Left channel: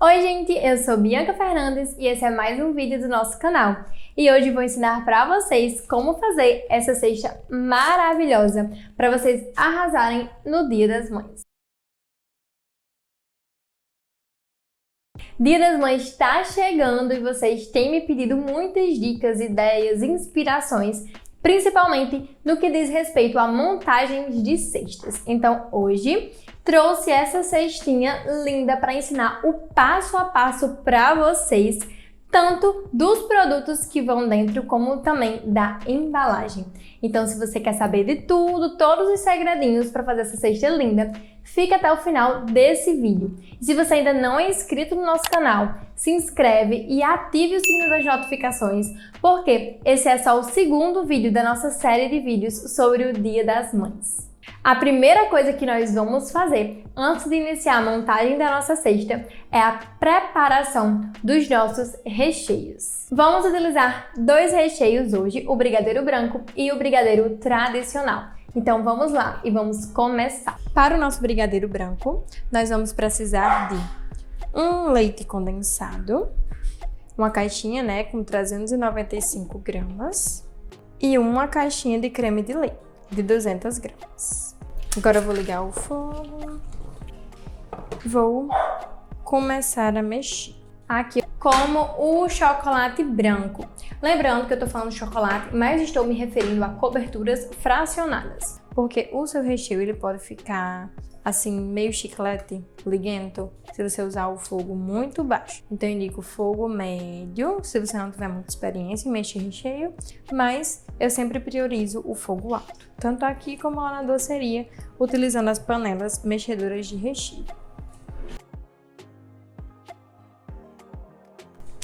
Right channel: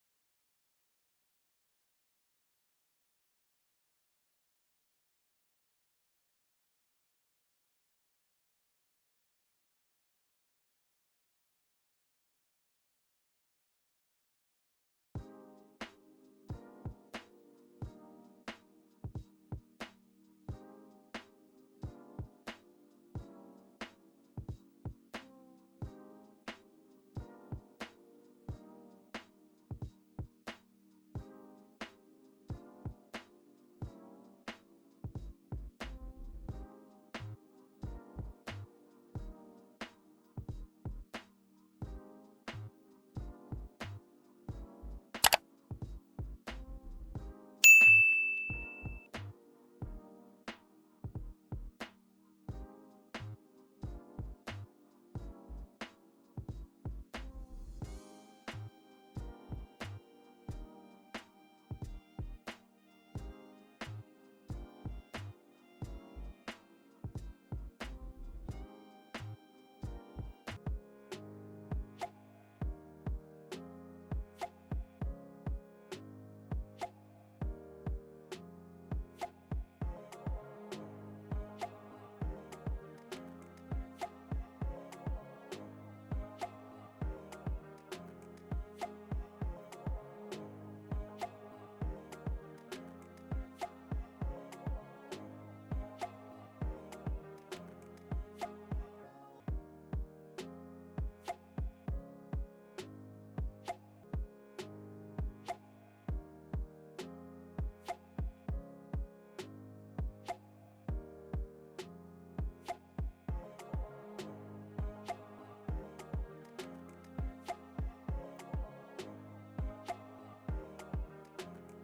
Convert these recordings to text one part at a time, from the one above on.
Oi gente, eu sou Bianca Fernandes e esse é mais um vídeo do nosso canal. E hoje vou ensinar para vocês como fazer essa cesta maravilhosa para vocês arrasarem no Dia das Mães. Dia das Mães está chegando e vocês têm me pedido muitas dicas, ideias, inspirações, principalmente no que diz respeito a montagens de cestas. Então hoje trouxe essa cestinha linda para ensinar o passo a passo para vocês, tanto dos produtos que vão dentro como também da embalagem. Então se você quer saber de tudo, todos os segredinhos para fazer essa cesta linda, fica até o final desse vídeo. E se você ainda não é inscrito no nosso canal, se inscreve e ative o sininho das notificações, porque esse é só o segundo vídeo da nossa série de vídeos sobre o Dia das Mães. A primeira coisa que nós vamos fazer antes de iniciar a montagem da nossa cesta é a preparação dos nossos recheios. Vamos utilizar dois recheios hoje, o brigadeiro branco e o brigadeiro tradicional. Então vamos lá e vamos começar. Para o nosso brigadeiro branco, nós vamos precisar de um leite condensado, uma caixinha, com 395 gramas e uma caixinha de creme de leite de 200 gramas. Agora eu vou ligar o fogo, vou começar a mexer. Aqui, como o chocolate branco. Lembrando que eu tô falando chocolate, mas estou me referindo a coberturas fracionadas, porque o seu recheio ele pode ficar assim meio chiclete, liguento, se você usar o fogo muito baixo. Então eu indico fogo médio, se você não tiver muita experiência em mexer recheio, mas eu sempre priorizo o fogo alto, tanto aqui como lá na doceria, utilizando as panelas mexedoras de recheio.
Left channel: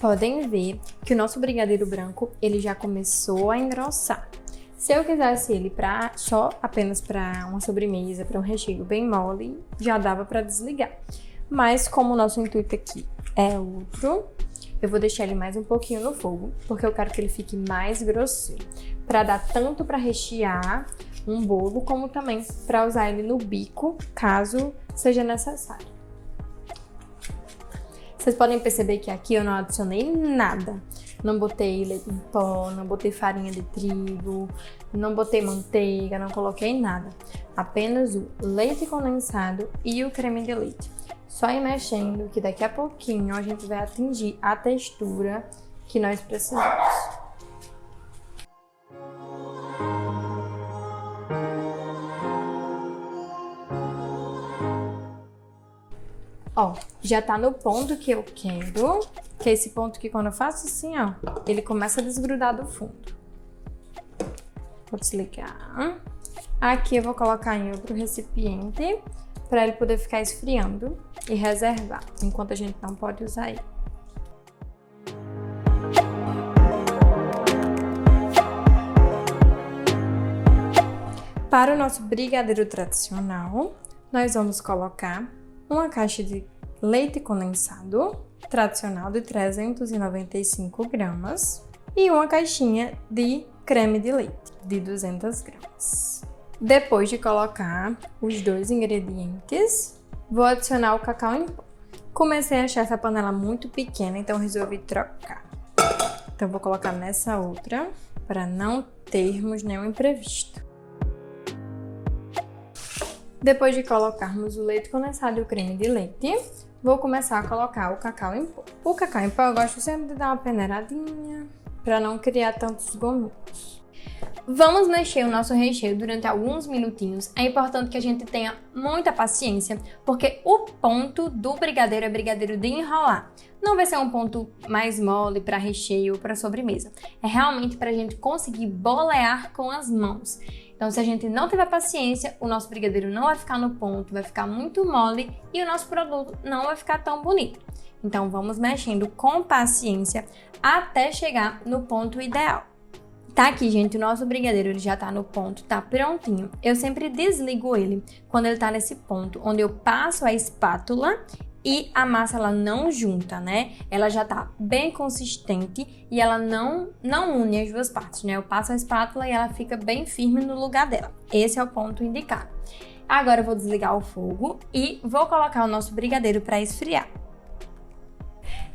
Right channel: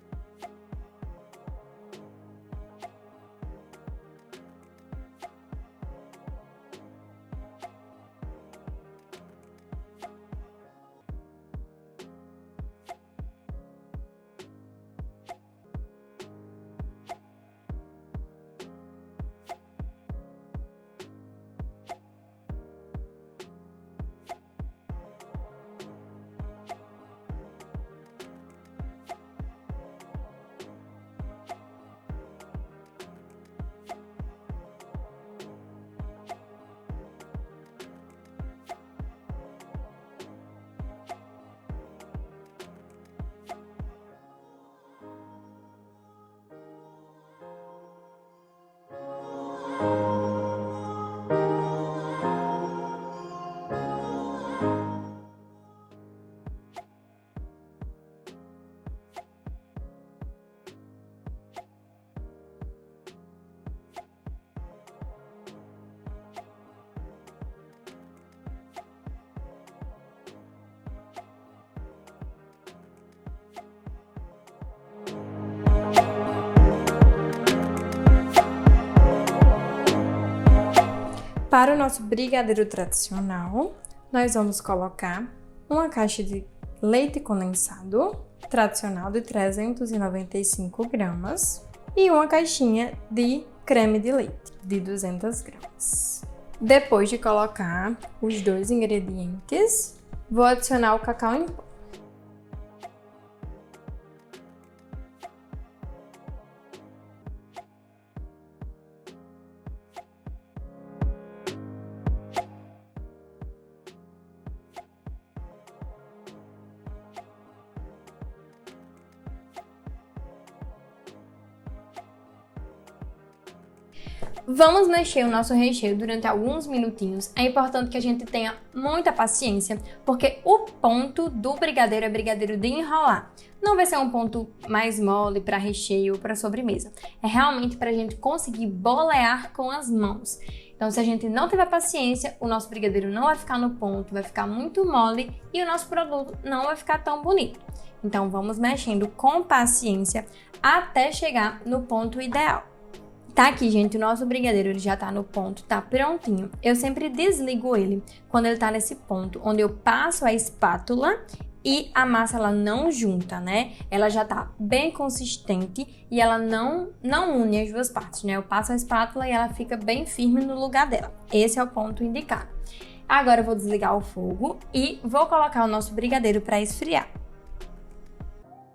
Podem ver que o nosso brigadeiro branco ele já começou a engrossar. Se eu quisesse ele apenas para uma sobremesa, para um recheio bem mole, já dava para desligar. Mas como o nosso intuito aqui é outro, eu vou deixar ele mais um pouquinho no fogo, porque eu quero que ele fique mais grosseiro, para dar tanto para rechear um bolo, como também para usar ele no bico, caso seja necessário. Vocês podem perceber que aqui eu não adicionei nada. Não botei leite em pó, não botei farinha de trigo, não botei manteiga, não coloquei nada. Apenas o leite condensado e o creme de leite. Só ir mexendo que daqui a pouquinho a gente vai atingir a textura que nós precisamos. Ó, já tá no ponto que eu quero, que é esse ponto que quando eu faço assim, ó, ele começa a desgrudar do fundo. Vou desligar. Aqui eu vou colocar em outro recipiente para ele poder ficar esfriando e reservar, enquanto a gente não pode usar ele. Para o nosso brigadeiro tradicional, nós vamos colocar uma caixa de leite condensado tradicional de 395 gramas e uma caixinha de creme de leite de 200 gramas. Depois de colocar os dois ingredientes, vou adicionar o cacau em pó. Comecei a achar essa panela muito pequena, então resolvi trocar. Então vou colocar nessa outra para não termos nenhum imprevisto. Depois de colocarmos o leite condensado e o creme de leite, vou começar a colocar o cacau em pó. O cacau em pó eu gosto sempre de dar uma peneiradinha para não criar tantos gominhos. Vamos mexer o nosso recheio durante alguns minutinhos. É importante que a gente tenha muita paciência, porque o ponto do brigadeiro é brigadeiro de enrolar. Não vai ser um ponto mais mole para recheio ou para sobremesa. É realmente para a gente conseguir bolear com as mãos. Então, se a gente não tiver paciência, o nosso brigadeiro não vai ficar no ponto, vai ficar muito mole e o nosso produto não vai ficar tão bonito. Então, vamos mexendo com paciência até chegar no ponto ideal. Tá aqui, gente, o nosso brigadeiro ele já tá no ponto, tá prontinho. Eu sempre desligo ele quando ele tá nesse ponto, onde eu passo a espátula e a massa ela não junta, Ela já tá bem consistente e ela não une as duas partes, Eu passo a espátula e ela fica bem firme no lugar dela. Esse é o ponto indicado. Agora eu vou desligar o fogo e vou colocar o nosso brigadeiro para esfriar.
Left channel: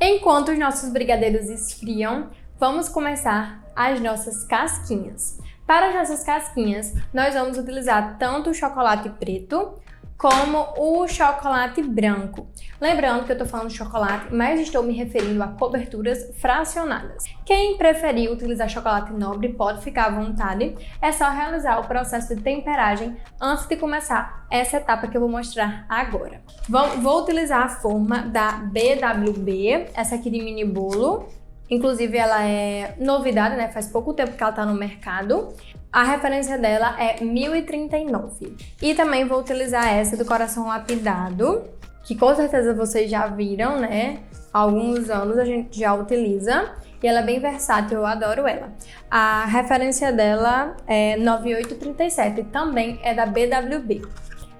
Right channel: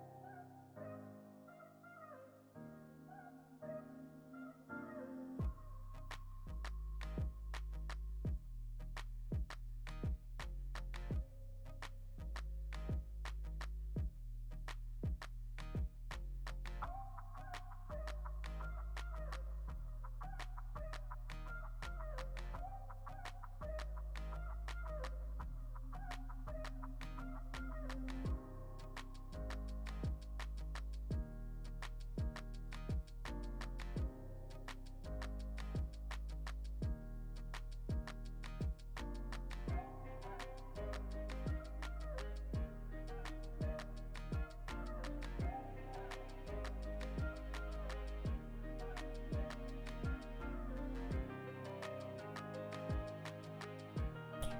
Enquanto os nossos brigadeiros esfriam, vamos começar as nossas casquinhas. Para as nossas casquinhas, nós vamos utilizar tanto o chocolate preto como o chocolate branco. Lembrando que eu estou falando de chocolate, mas estou me referindo a coberturas fracionadas. Quem preferir utilizar chocolate nobre pode ficar à vontade, é só realizar o processo de temperagem antes de começar essa etapa que eu vou mostrar agora. Vou utilizar a forma da BWB, essa aqui de mini bolo. Inclusive ela é novidade, né? Faz pouco tempo que ela está no mercado. A referência dela é 1039. E também vou utilizar essa do coração lapidado, que com certeza vocês já viram, né? Há alguns anos a gente já utiliza. E ela é bem versátil, eu adoro ela. A referência dela é 9837, também é da BWB.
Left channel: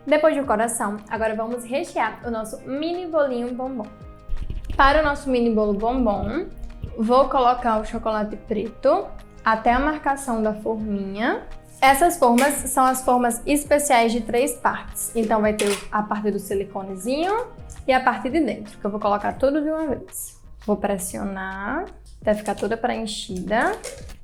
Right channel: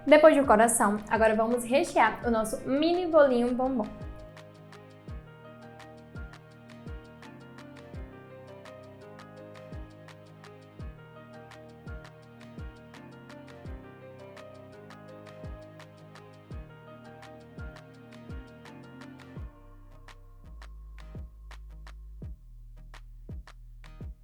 Depois do coração, agora vamos rechear o nosso mini bolinho bombom. Para o nosso mini bolo bombom, vou colocar o chocolate preto até a marcação da forminha. Essas formas são as formas especiais de 3 partes. Então vai ter a parte do siliconezinho e a parte de dentro, que eu vou colocar tudo de uma vez. Vou pressionar até ficar toda preenchida.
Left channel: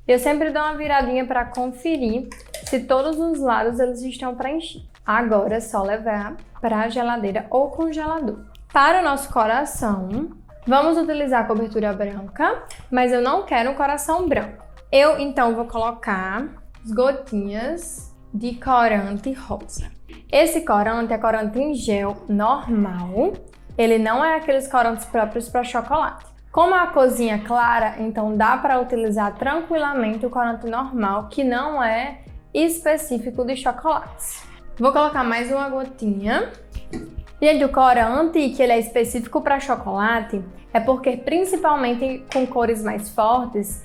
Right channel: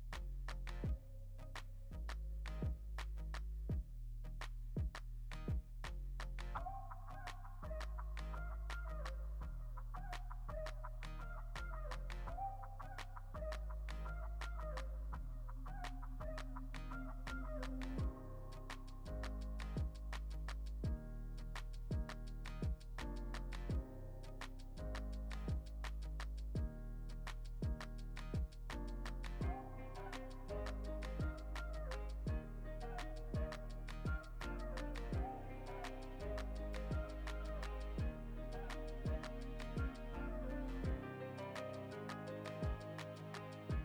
Eu sempre dou uma viradinha para conferir se todos os lados eles estão preenchidos. Agora é só levar para a geladeira ou congelador. Para o nosso coração, vamos utilizar a cobertura branca, mas eu não quero um coração branco. Eu, então, vou colocar as gotinhas de corante rosa. Esse corante é corante em gel normal, ele não é aqueles corantes próprios para chocolate. Como a corzinha é clara, então dá para utilizar tranquilamente o corante normal, que não é específico de chocolates. Vou colocar mais uma gotinha. E o corante, que ele é específico para chocolate, é porque principalmente com cores mais fortes,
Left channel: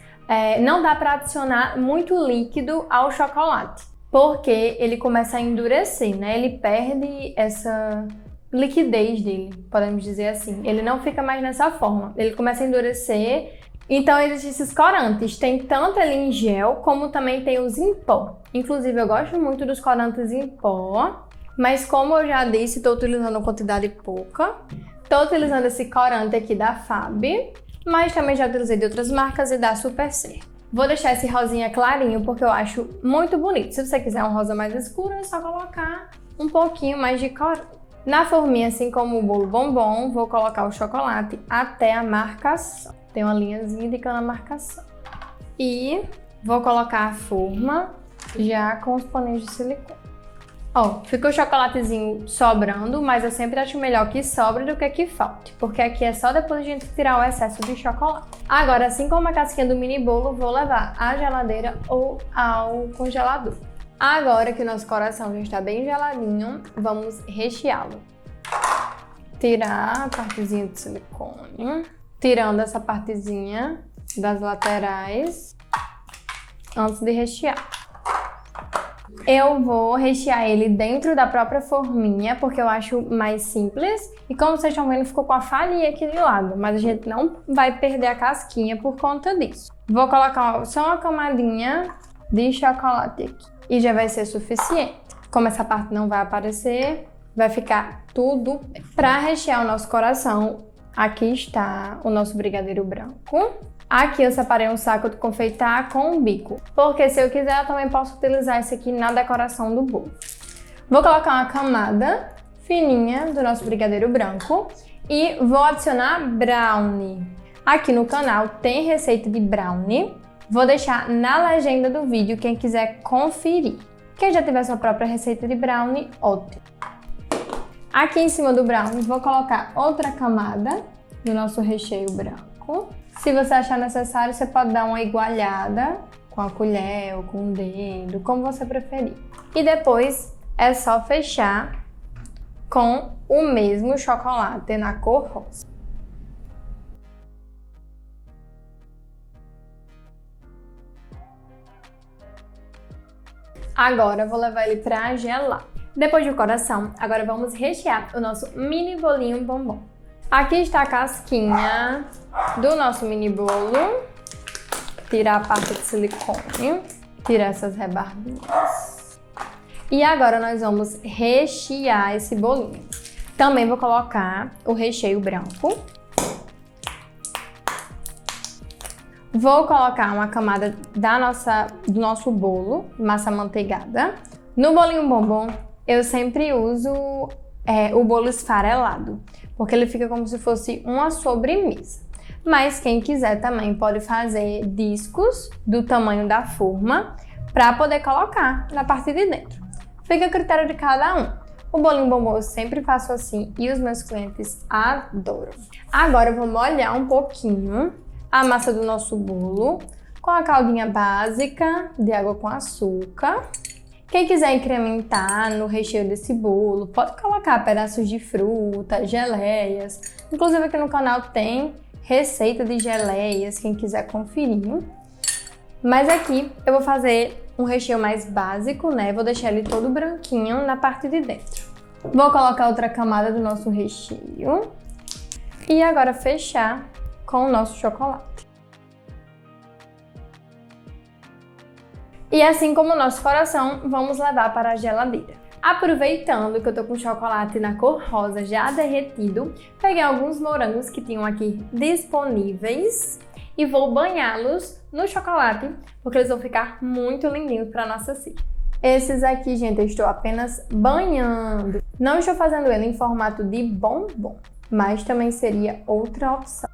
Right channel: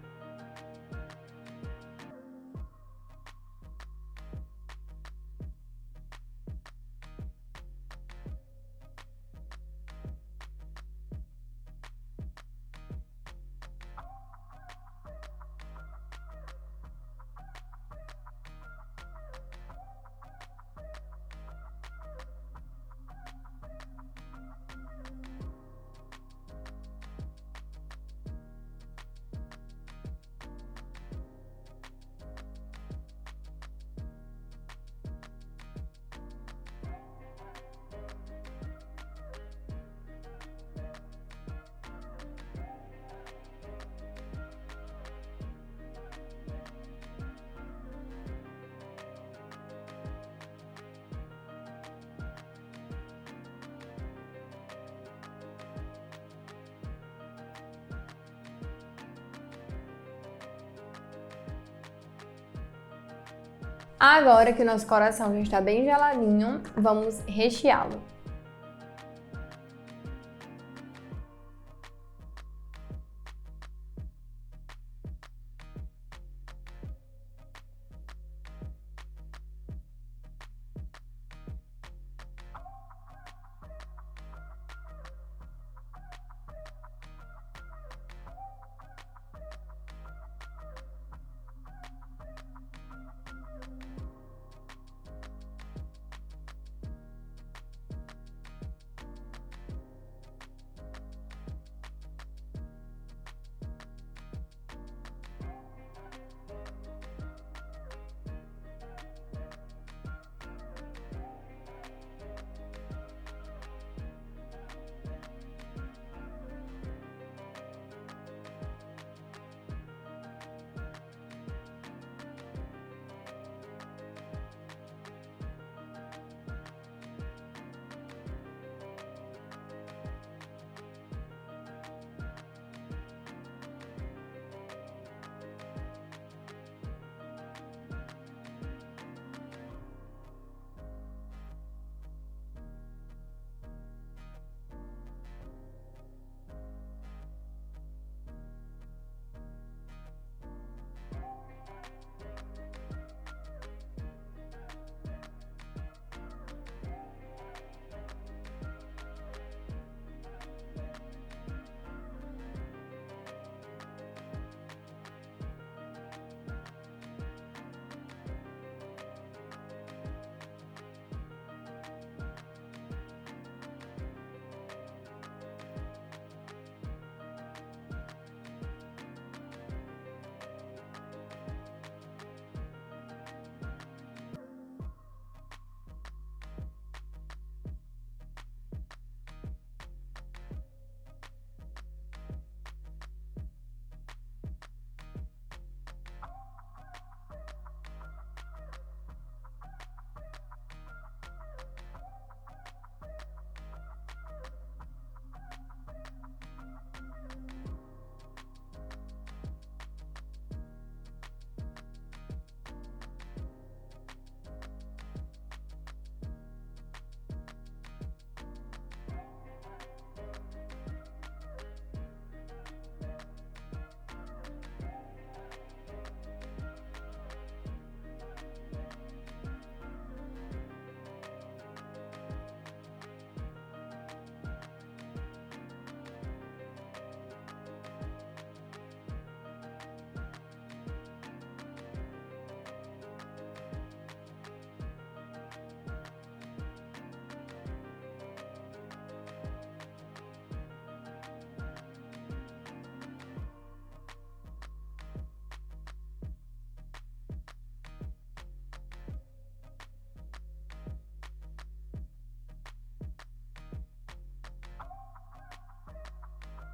não dá para adicionar muito líquido ao chocolate, porque ele começa a endurecer, né? Ele perde essa liquidez dele, podemos dizer assim. Ele não fica mais nessa forma, ele começa a endurecer. Então existem esses corantes, tem tanto ele em gel, como também tem os em pó. Inclusive eu gosto muito dos corantes em pó, mas como eu já disse, estou utilizando uma quantidade pouca. Estou utilizando esse corante aqui da Fab, mas também já utilizei de outras marcas e dá super certo. Vou deixar esse rosinha clarinho porque eu acho muito bonito. Se você quiser um rosa mais escuro, é só colocar um pouquinho mais de corante. Na forminha, assim como o bolo bombom, vou colocar o chocolate até a marcação. Tem uma linhazinha indicando a marcação. E vou colocar a forma já com os paninhos de silicone. Ó, ficou o chocolatezinho sobrando, mas eu sempre acho melhor que sobre do que falte, porque aqui é só depois a gente tirar o excesso de chocolate. Agora, assim como a casquinha do mini bolo, vou levar à geladeira ou ao congelador. Agora que o nosso coração já está bem geladinho, vamos recheá-lo. Tirar a partezinha de silicone, tirando essa partezinha das laterais antes de rechear. Eu vou rechear ele dentro da própria forminha, porque eu acho mais simples. E como vocês estão vendo, ficou com a farinha aqui de lado, mas a gente não vai perder a casquinha por conta disso. Vou colocar só uma camadinha de chocolate aqui e já vai ser suficiente. Como essa parte não vai aparecer, vai ficar tudo. Para rechear o nosso coração, aqui está o nosso brigadeiro branco. Aqui eu separei um saco de confeitar com um bico, porque se eu quiser eu também posso utilizar esse aqui na decoração do bolo. Vou colocar uma camada fininha do nosso brigadeiro branco e vou adicionar brownie. Aqui no canal tem receita de brownie, vou deixar na legenda do vídeo quem quiser conferir. Quem já tiver sua própria receita de brownie, ótimo. Aqui em cima do brownie vou colocar outra camada do nosso recheio branco. Se você achar necessário, você pode dar uma igualhada com a colher ou com o dedo, como você preferir. E depois é só fechar com o mesmo chocolate na cor rosa. Agora eu vou levar ele para gelar. Depois do coração, agora vamos rechear o nosso mini bolinho bombom. Aqui está a casquinha do nosso mini bolo. Tirar a parte de silicone, tirar essas rebarbinhas. E agora nós vamos rechear esse bolinho. Também vou colocar o recheio branco. Vou colocar uma camada do nosso bolo, massa amanteigada. No bolinho bombom, eu sempre uso o bolo esfarelado, porque ele fica como se fosse uma sobremesa. Mas quem quiser também pode fazer discos do tamanho da forma para poder colocar na parte de dentro. Fica a critério de cada um. O bolinho bombom eu sempre faço assim e os meus clientes adoram. Agora eu vou molhar um pouquinho a massa do nosso bolo com a caldinha básica de água com açúcar. Quem quiser incrementar no recheio desse bolo, pode colocar pedaços de fruta, geleias. Inclusive aqui no canal tem receita de geleias, quem quiser conferir. Mas aqui eu vou fazer um recheio mais básico, né? Vou deixar ele todo branquinho na parte de dentro. Vou colocar outra camada do nosso recheio. E agora fechar com o nosso chocolate. E assim como o nosso coração, vamos levar para a geladeira. Aproveitando que eu tô com chocolate na cor rosa já derretido, peguei alguns morangos que tinham aqui disponíveis e vou banhá-los no chocolate, porque eles vão ficar muito lindinhos para nossa cesta. Esses aqui, gente, eu estou apenas banhando. Não estou fazendo ele em formato de bombom, mas também seria outra opção.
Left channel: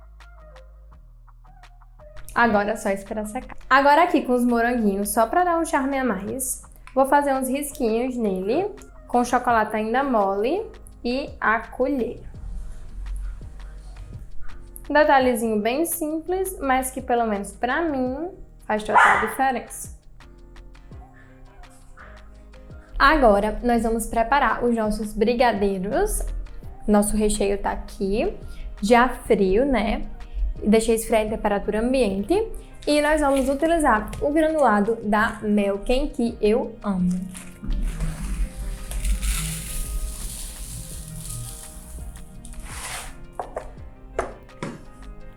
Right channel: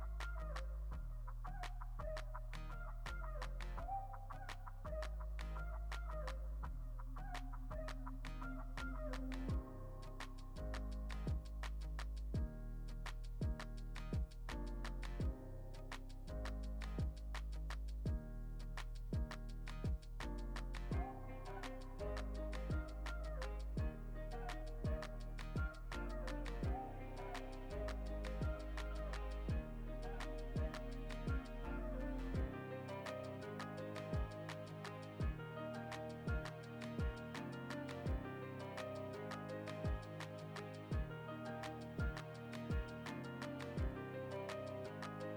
Agora é só esperar secar. Agora aqui com os moranguinhos, só para dar um charme a mais, vou fazer uns risquinhos nele, com chocolate ainda mole e a colher. Um detalhezinho bem simples, mas que pelo menos para mim faz total diferença. Agora nós vamos preparar os nossos brigadeiros. Nosso recheio tá aqui, já frio, né? Deixei esfriar em temperatura ambiente. E nós vamos utilizar o granulado da Melken, que eu amo.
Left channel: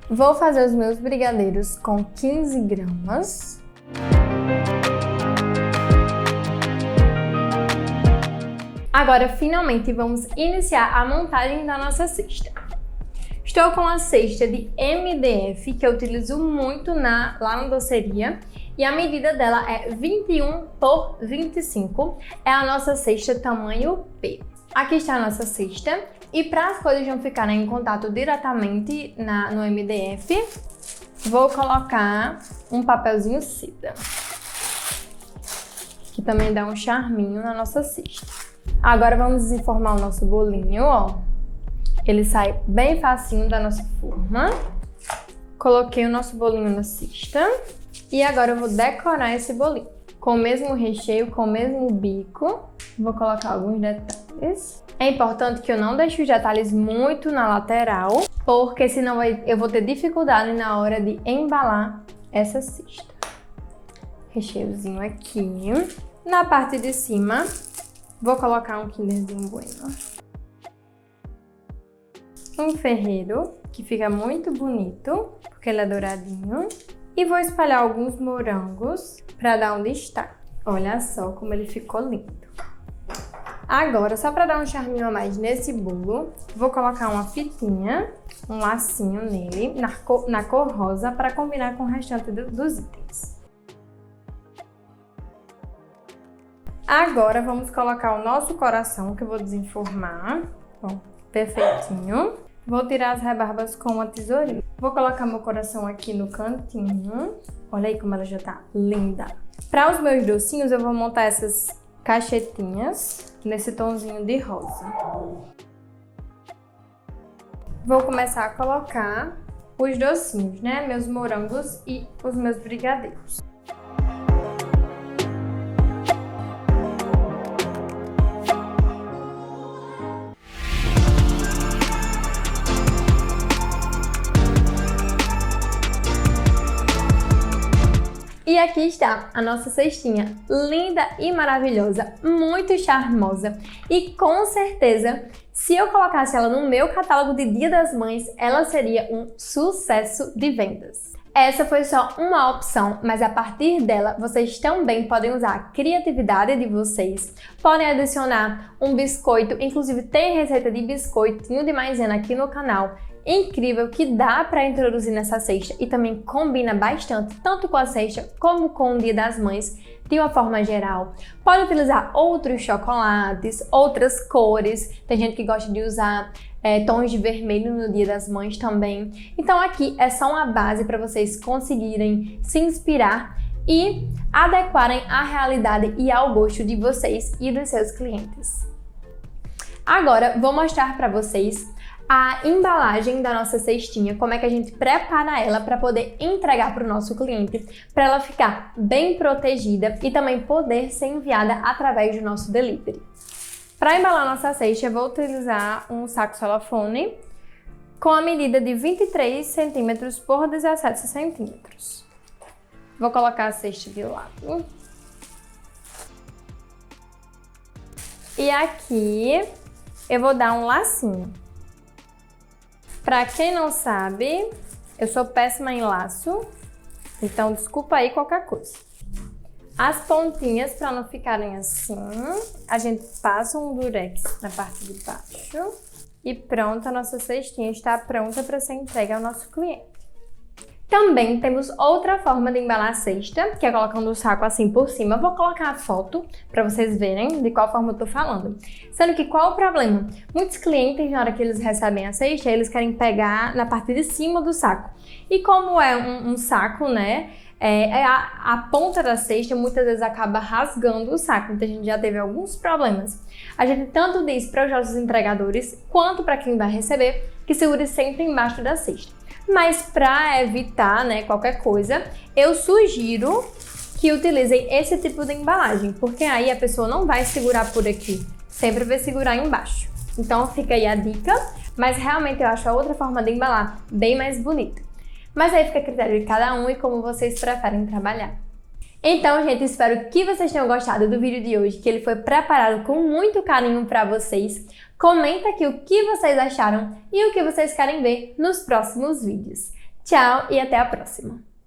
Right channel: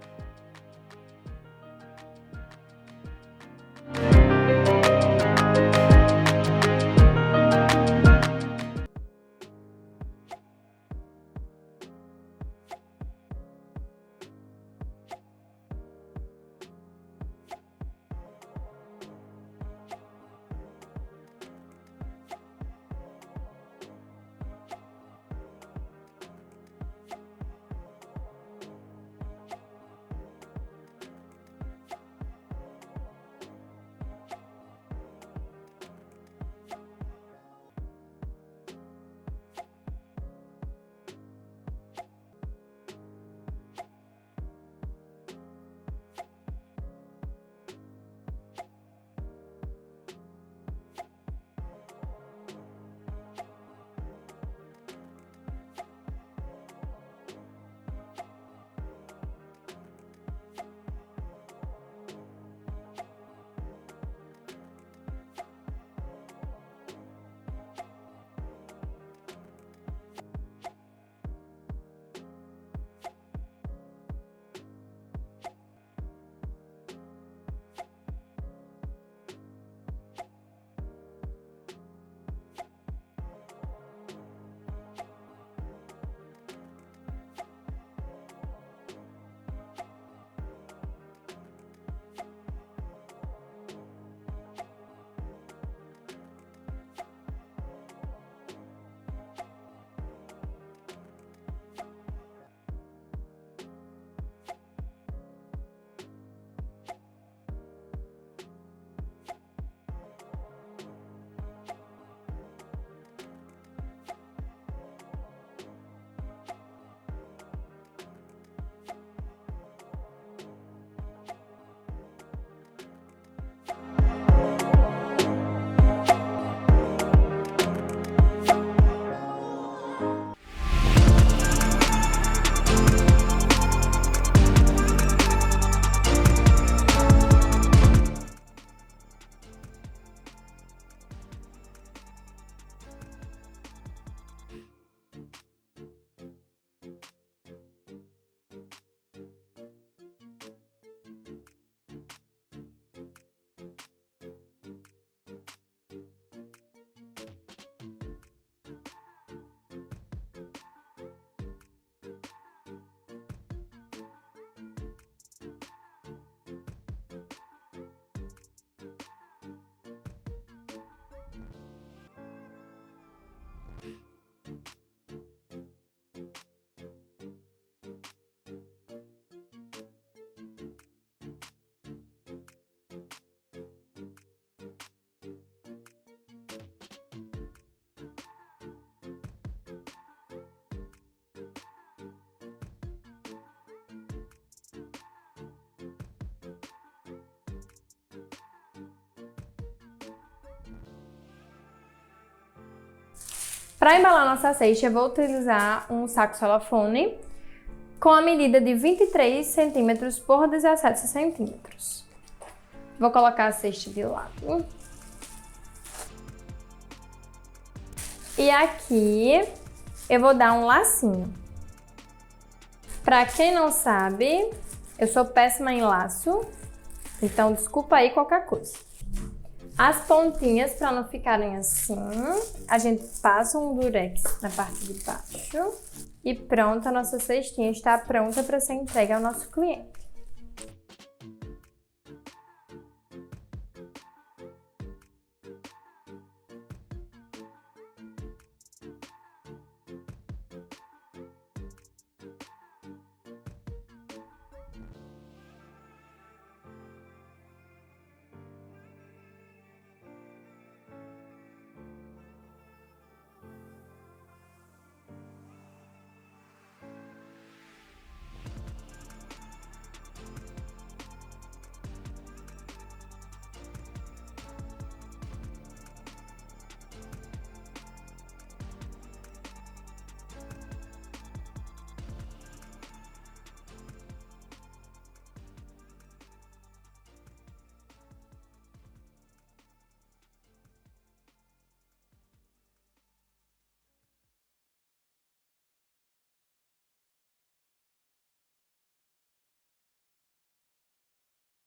Vou fazer os meus brigadeiros com 15 gramas. Agora, finalmente, vamos iniciar a montagem da nossa cesta. Estou com a cesta de MDF, que eu utilizo muito lá na doceria, e a medida dela é 21 por 25, é a nossa cesta tamanho P. Aqui está a nossa cesta, e para as coisas não ficarem em contato diretamente no MDF, vou colocar um papelzinho seda, que também dá um charminho na nossa cesta. Agora vamos desenformar o nosso bolinho, ó. Ele sai bem facinho da nossa forma. Coloquei o nosso bolinho na cesta. E agora eu vou decorar esse bolinho. Com o mesmo recheio, com o mesmo bico. Vou colocar alguns detalhes. É importante que eu não deixe os detalhes muito na lateral, porque senão eu vou ter dificuldade na hora de embalar essa cesta. Recheiozinho aqui. Na parte de cima, vou colocar um Kinderzinho Bueno. Um ferreiro, que fica muito bonito, porque ele é douradinho. E vou espalhar alguns morangos para dar um destaque. Olha só como ele ficou lindo. Agora, só para dar um charminho a mais nesse bolo, vou colocar uma fitinha, um lacinho nele, na cor rosa, para combinar com o restante dos itens. Agora, vamos colocar o nosso coração, que eu vou desenformar. Ó, perfeitinho. Vou tirar as rebarbas com uma tesourinha. Vou colocar meu coração aqui no cantinho. Olha aí como ela já tá linda. Para os meus docinhos, eu vou montar essas caixetinhas nesse tomzinho de rosa. Vou começar a colocar os docinhos, né? Meus morangos e os meus brigadeiros. E aqui está a nossa cestinha, linda e maravilhosa, muito charmosa. E com certeza, se eu colocasse ela no meu catálogo de Dia das Mães, ela seria um sucesso de vendas. Essa foi só uma opção, mas a partir dela, vocês também podem usar a criatividade de vocês, podem adicionar um biscoito, inclusive tem receita de biscoitinho de maisena aqui no canal, incrível que dá para introduzir nessa cesta e também combina bastante, tanto com a cesta como com o Dia das Mães, de uma forma geral. Pode utilizar outros chocolates, outras cores, tem gente que gosta de usar tons de vermelho no Dia das Mães também. Então aqui é só uma base para vocês conseguirem se inspirar e adequarem à realidade e ao gosto de vocês e dos seus clientes. Agora vou mostrar para vocês a embalagem da nossa cestinha, como é que a gente prepara ela para poder entregar para o nosso cliente, para ela ficar bem protegida e também poder ser enviada através do nosso delivery. Para embalar nossa cesta, eu vou utilizar um saco celofane com a medida de 23 cm por 17 cm. Vou colocar a cesta de lado. E aqui eu vou dar um lacinho. Pra quem não sabe, eu sou péssima em laço, então desculpa aí qualquer coisa. As pontinhas, para não ficarem assim, a gente passa um durex na parte de baixo e pronto, a nossa cestinha está pronta para ser entregue ao nosso cliente. Também temos outra forma de embalar a cesta, que é colocando o saco assim por cima. Eu vou colocar a foto para vocês verem de qual forma eu tô falando. Sendo que qual é o problema? Muitos clientes, na hora que eles recebem a cesta, eles querem pegar na parte de cima do saco. E como é um saco, né? A ponta da cesta muitas vezes acaba rasgando o saco, então a gente já teve alguns problemas. A gente tanto diz para os nossos entregadores, quanto para quem vai receber, que segure sempre embaixo da cesta. Mas para evitar, né, qualquer coisa, eu sugiro que utilizem esse tipo de embalagem, porque aí a pessoa não vai segurar por aqui, sempre vai segurar embaixo. Então fica aí a dica, mas realmente eu acho a outra forma de embalar bem mais bonita. Mas aí fica a critério de cada um e como vocês preferem trabalhar. Então, gente, espero que vocês tenham gostado do vídeo de hoje, que ele foi preparado com muito carinho para vocês. Comenta aqui o que vocês acharam e o que vocês querem ver nos próximos vídeos. Tchau e até a próxima!